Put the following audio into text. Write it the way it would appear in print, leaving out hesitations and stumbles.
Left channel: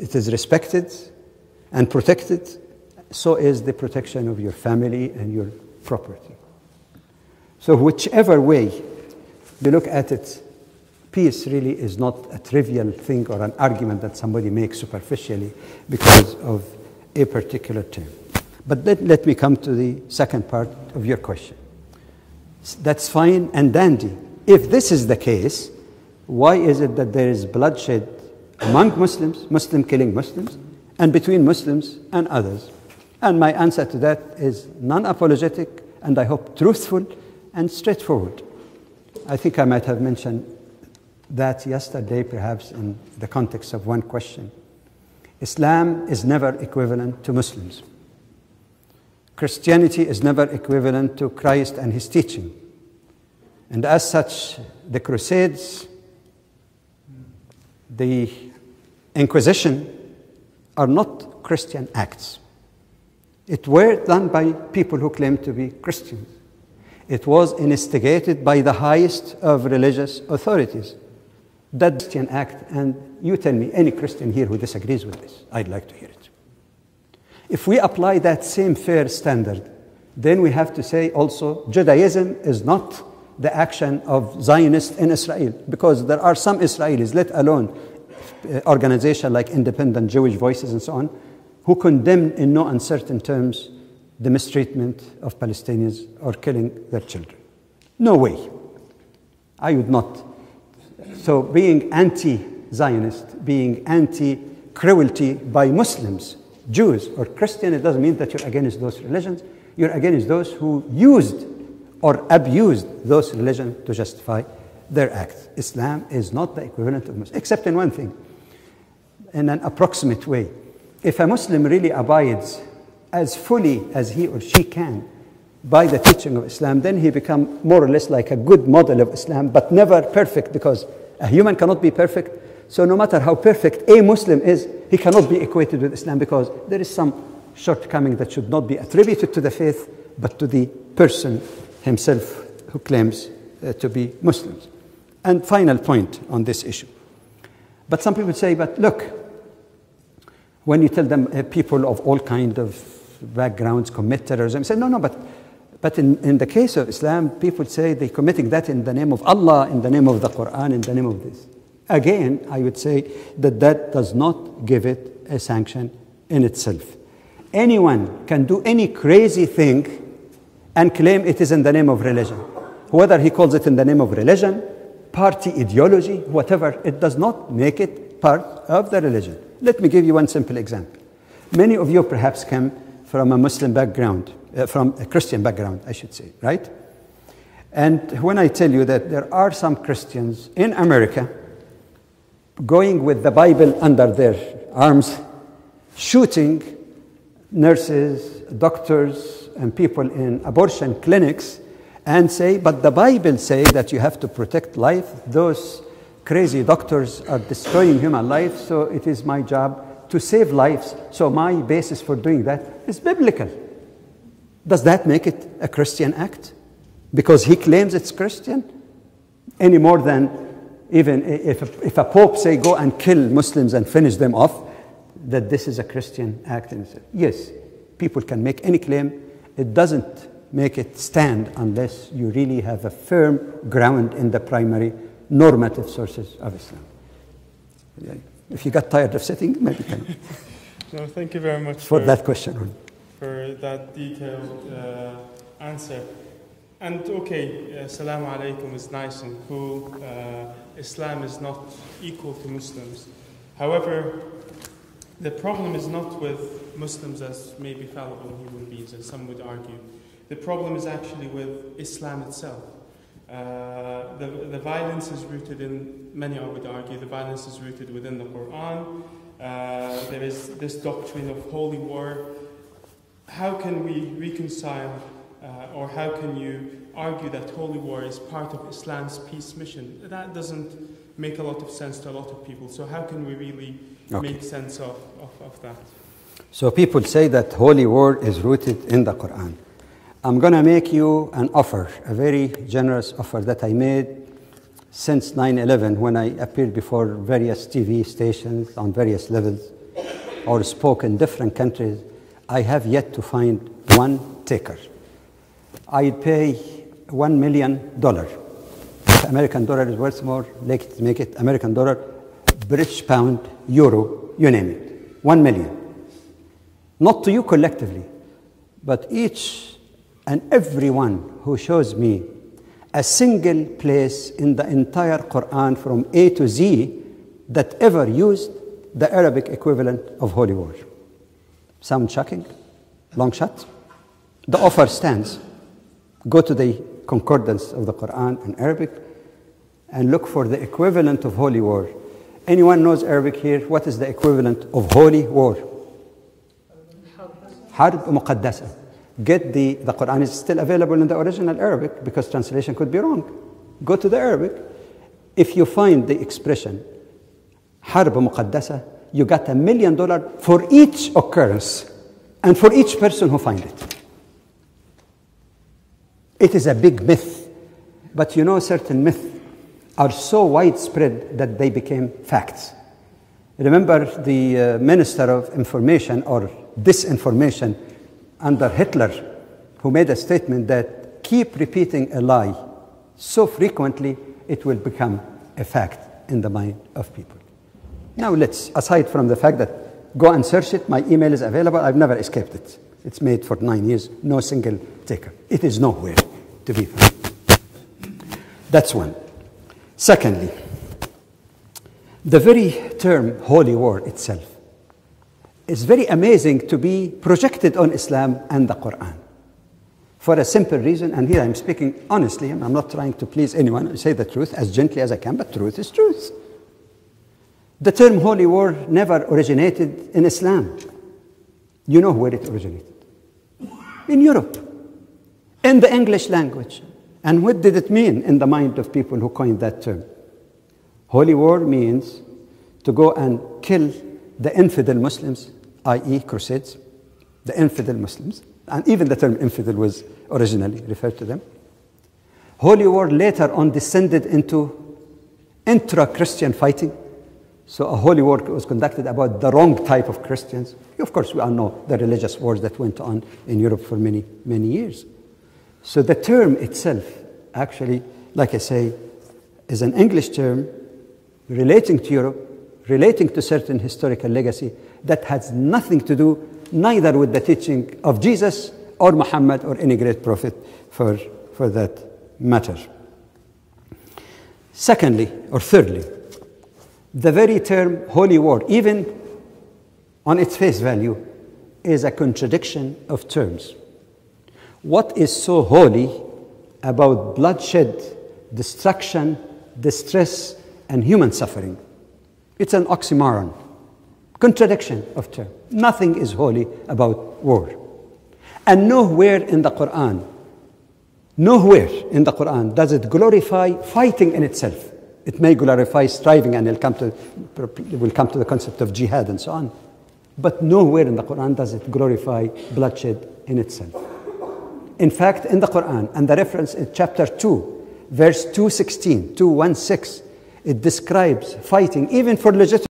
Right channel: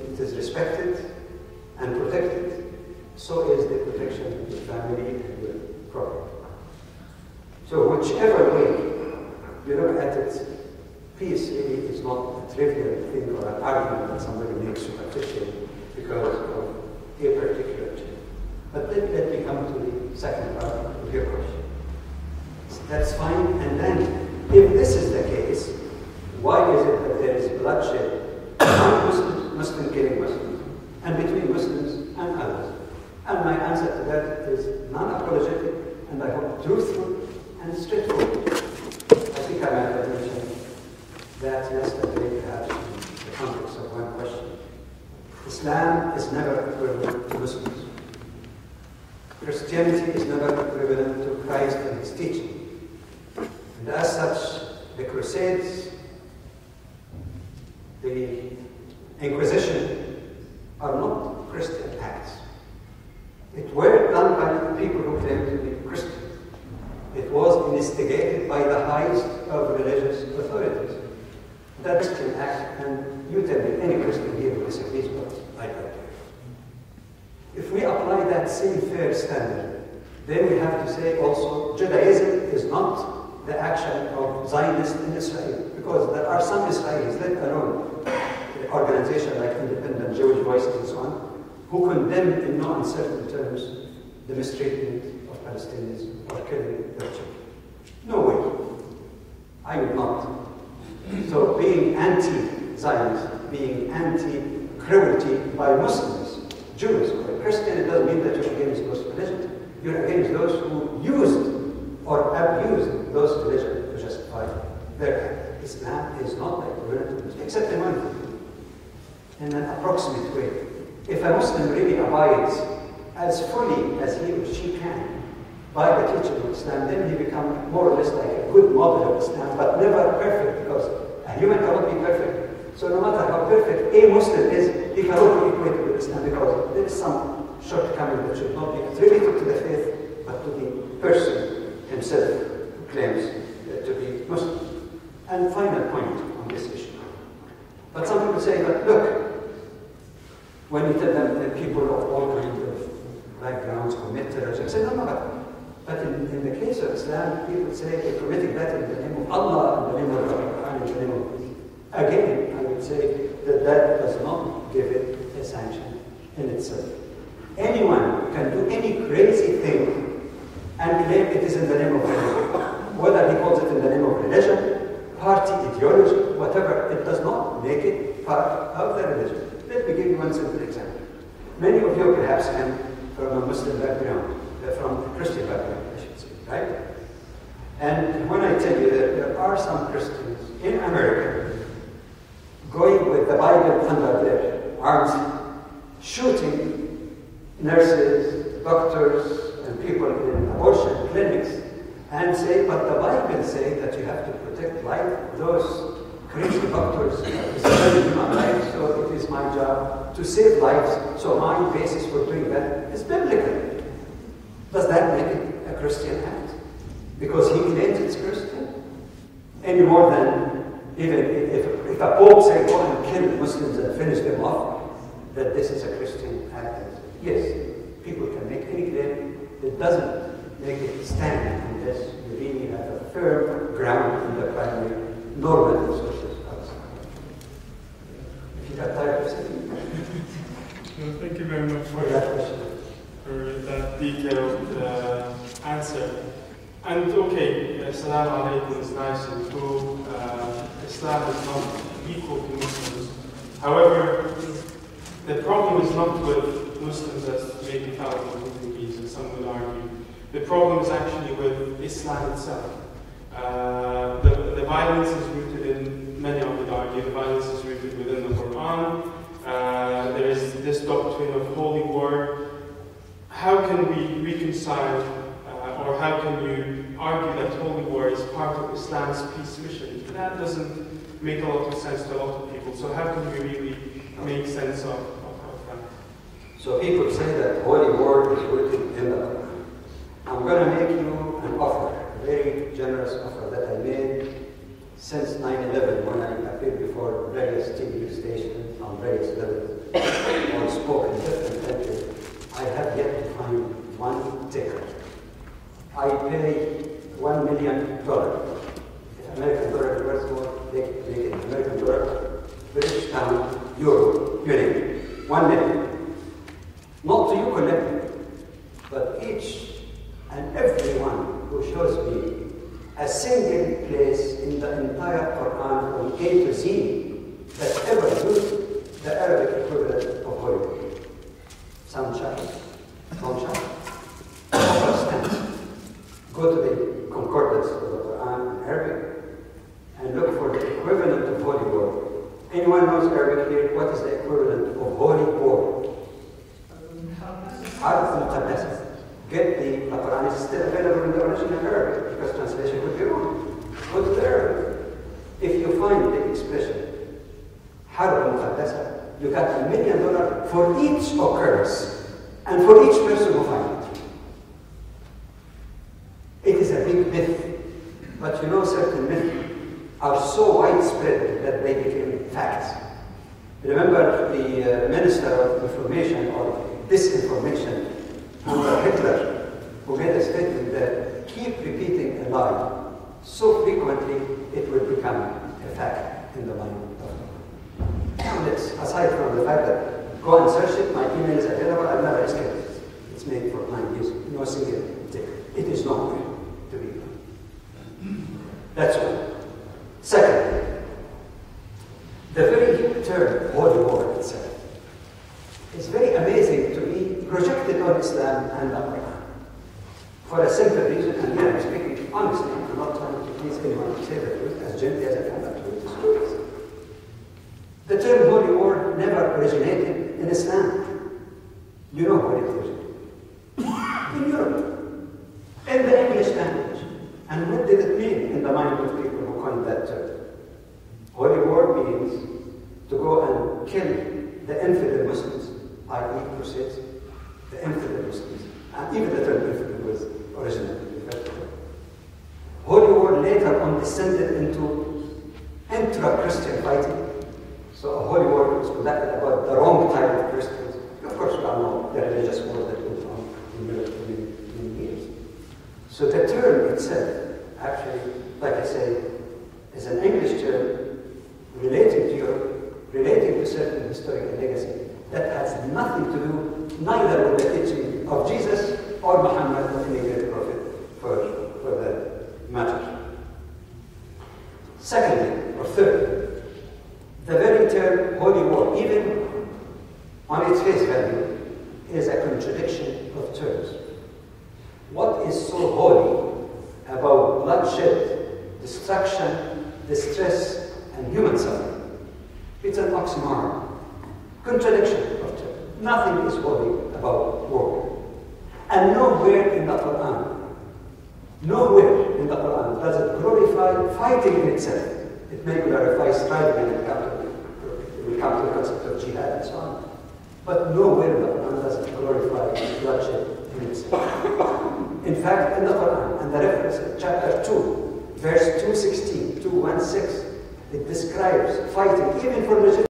it is respected and protected, so is the protection of your family and your property. So whichever way you look at it, peace really is not a trivial thing or an argument that somebody makes superficially because of a particular term. But let me come to the second part of your question. That's fine and dandy. If this is the case, why is it that there is bloodshed among Muslims, Muslim killing Muslims, and between Muslims and others? And my answer to that is non-apologetic, and I hope truthful and straightforward. I think I might have mentioned that yesterday, perhaps in the context of one question. Islam is never equivalent to Muslims. Christianity is never equivalent to Christ and his teaching. And as such, the Crusades, the Inquisition, are not Christian acts. It were done by people who claim to be Christian. It was instigated by the highest of religious authorities. That Christian act, and you tell me any Christian here who disagrees with this, I'd like to hear it. If we apply that same fair standard, then we have to say also Judaism is not the action of Zionists in Israel, because there are some Israelis, let alone organizations like Independent Jewish Voices and so on, who condemn in no uncertain terms the mistreatment of Palestinians or killing their children. No way. I would not. So being anti-Zionist, being anti-cruelty by Muslims, Jews or Christians, it doesn't mean that you're against those religions. You're against those who used or abused those religions to justify their act. Islam is not the equivalent of Muslim, except in one thing, in an approximate way. If a Muslim really abides as fully as he or she can by the teaching of Islam, then he becomes more or less like a good model of Islam, but never perfect, because a human cannot be perfect. So no matter how perfect a Muslim is, he cannot be equated with Islam, because there is some shortcoming that should not be attributed to the faith, but to the person himself who claims to be Muslim. And final point on this issue. But some people say, but look, when you tell them people of all kinds of backgrounds commit terrorism, say, no, but in the case of Islam, people say they're committing that in the name of Allah, in the name of the Quran, in the name of this. Again, I would say that that does not give it a sanction in itself. Anyone can do any crazy thing and claim it is in the name of religion. Whether he calls it in the name of religion, party ideology, whatever, it does not make it part of the religion. Let me give you one simple example. Many of you perhaps come from a Muslim background, from a Christian background, I should say, right? And when I tell you that there are some Christians in America going with the Bible under their arms, shooting nurses, doctors, and people in abortion clinics, and say, but the Bible says that you have to protect life. Those crazy doctors are destroying human life, so it is my job to save lives. So my basis for doing that is biblical. Does that make it a Christian act? Because he claims it's Christian? Any more than even if a pope say go and kill Muslims and finish them off, that this is a Christian act. Yes, people can make any claim. It doesn't make it stand unless you really have a firm ground in the primary normative sources of Islam. If you got tired of sitting, maybe you can. So thank you very much for that question. For that detailed answer. And okay, Assalamu alaikum is nice and cool. Islam is not equal to Muslims. However, the problem is not with Muslims as maybe thought of the East, as some would argue. The problem is actually with Islam itself. The violence is rooted in, many of the argue, the violence is rooted within the Quran. There is this doctrine of holy war. How can we reconcile, or how can you argue that holy war is part of Islam's peace mission? That doesn't make a lot of sense to a lot of people. So how can you really make sense of that? So people say that holy war is rooted in the Quran. I'm going to make you an offer, a very generous offer that I made since 9/11, when I appeared before various TV stations on various levels or spoke in different countries, I have yet to find one taker. I pay $1 million. If American dollar is worth more, make it American dollar, British pound, euro, you name it. 1 million. Not to you collectively, but each and every one who shows me a single place in the entire Quran from A to Z that ever used the Arabic equivalent of holy war. Sound shocking? Long shot? The offer stands. Go to the concordance of the Quran in Arabic and look for the equivalent of holy war. Anyone knows Arabic here? What is the equivalent of holy war? Harb Muqaddasa. Get the Quran is still available in the original Arabic because translation could be wrong. Go to the Arabic. If you find the expression Harb Muqaddasa, you got $1 million for each occurrence and for each person who finds it. It is a big myth, but you know certain myths are so widespread that they became facts. Remember the Minister of Information or Disinformation under Hitler, who made a statement that keep repeating a lie so frequently it will become a fact in the mind of people. Now let's, aside from the fact that go and search it, my email is available, I've never escaped it. It's made for 9 years, no single taker. It is nowhere to be found. That's one. Secondly, the very term holy war itself is very amazing to be projected on Islam and the Quran. For a simple reason, and here I'm speaking honestly, and I'm not trying to please anyone, to say the truth as gently as I can, but truth is truth. The term holy war never originated in Islam. You know where it originated? In Europe, in the English language. And what did it mean in the mind of people who coined that term? Holy war means to go and kill the infidel Muslims, i.e. crusades, the infidel Muslims, and even the term infidel was originally referred to them. Holy war later on descended into intra-Christian fighting. So a holy war was conducted about the wrong type of Christians. Of course, we all know the religious wars that went on in Europe for many, many years. So the term itself, actually, like I say, is an English term relating to Europe, relating to certain historical legacy that has nothing to do neither with the teaching of Jesus or Muhammad or any great prophet for that matter. Secondly, or thirdly, the very term holy war, even on its face value, is a contradiction of terms. What is so holy about bloodshed, destruction, distress, and human suffering? It's an oxymoron, contradiction of terms. Nothing is holy about war. And nowhere in the Quran does it glorify fighting in itself. It may glorify striving, and we'll come to the concept of jihad and so on. But nowhere in the Quran does it glorify bloodshed in itself. In fact, in the Quran, and the reference in chapter 2, verse 216, it describes fighting even for legitimate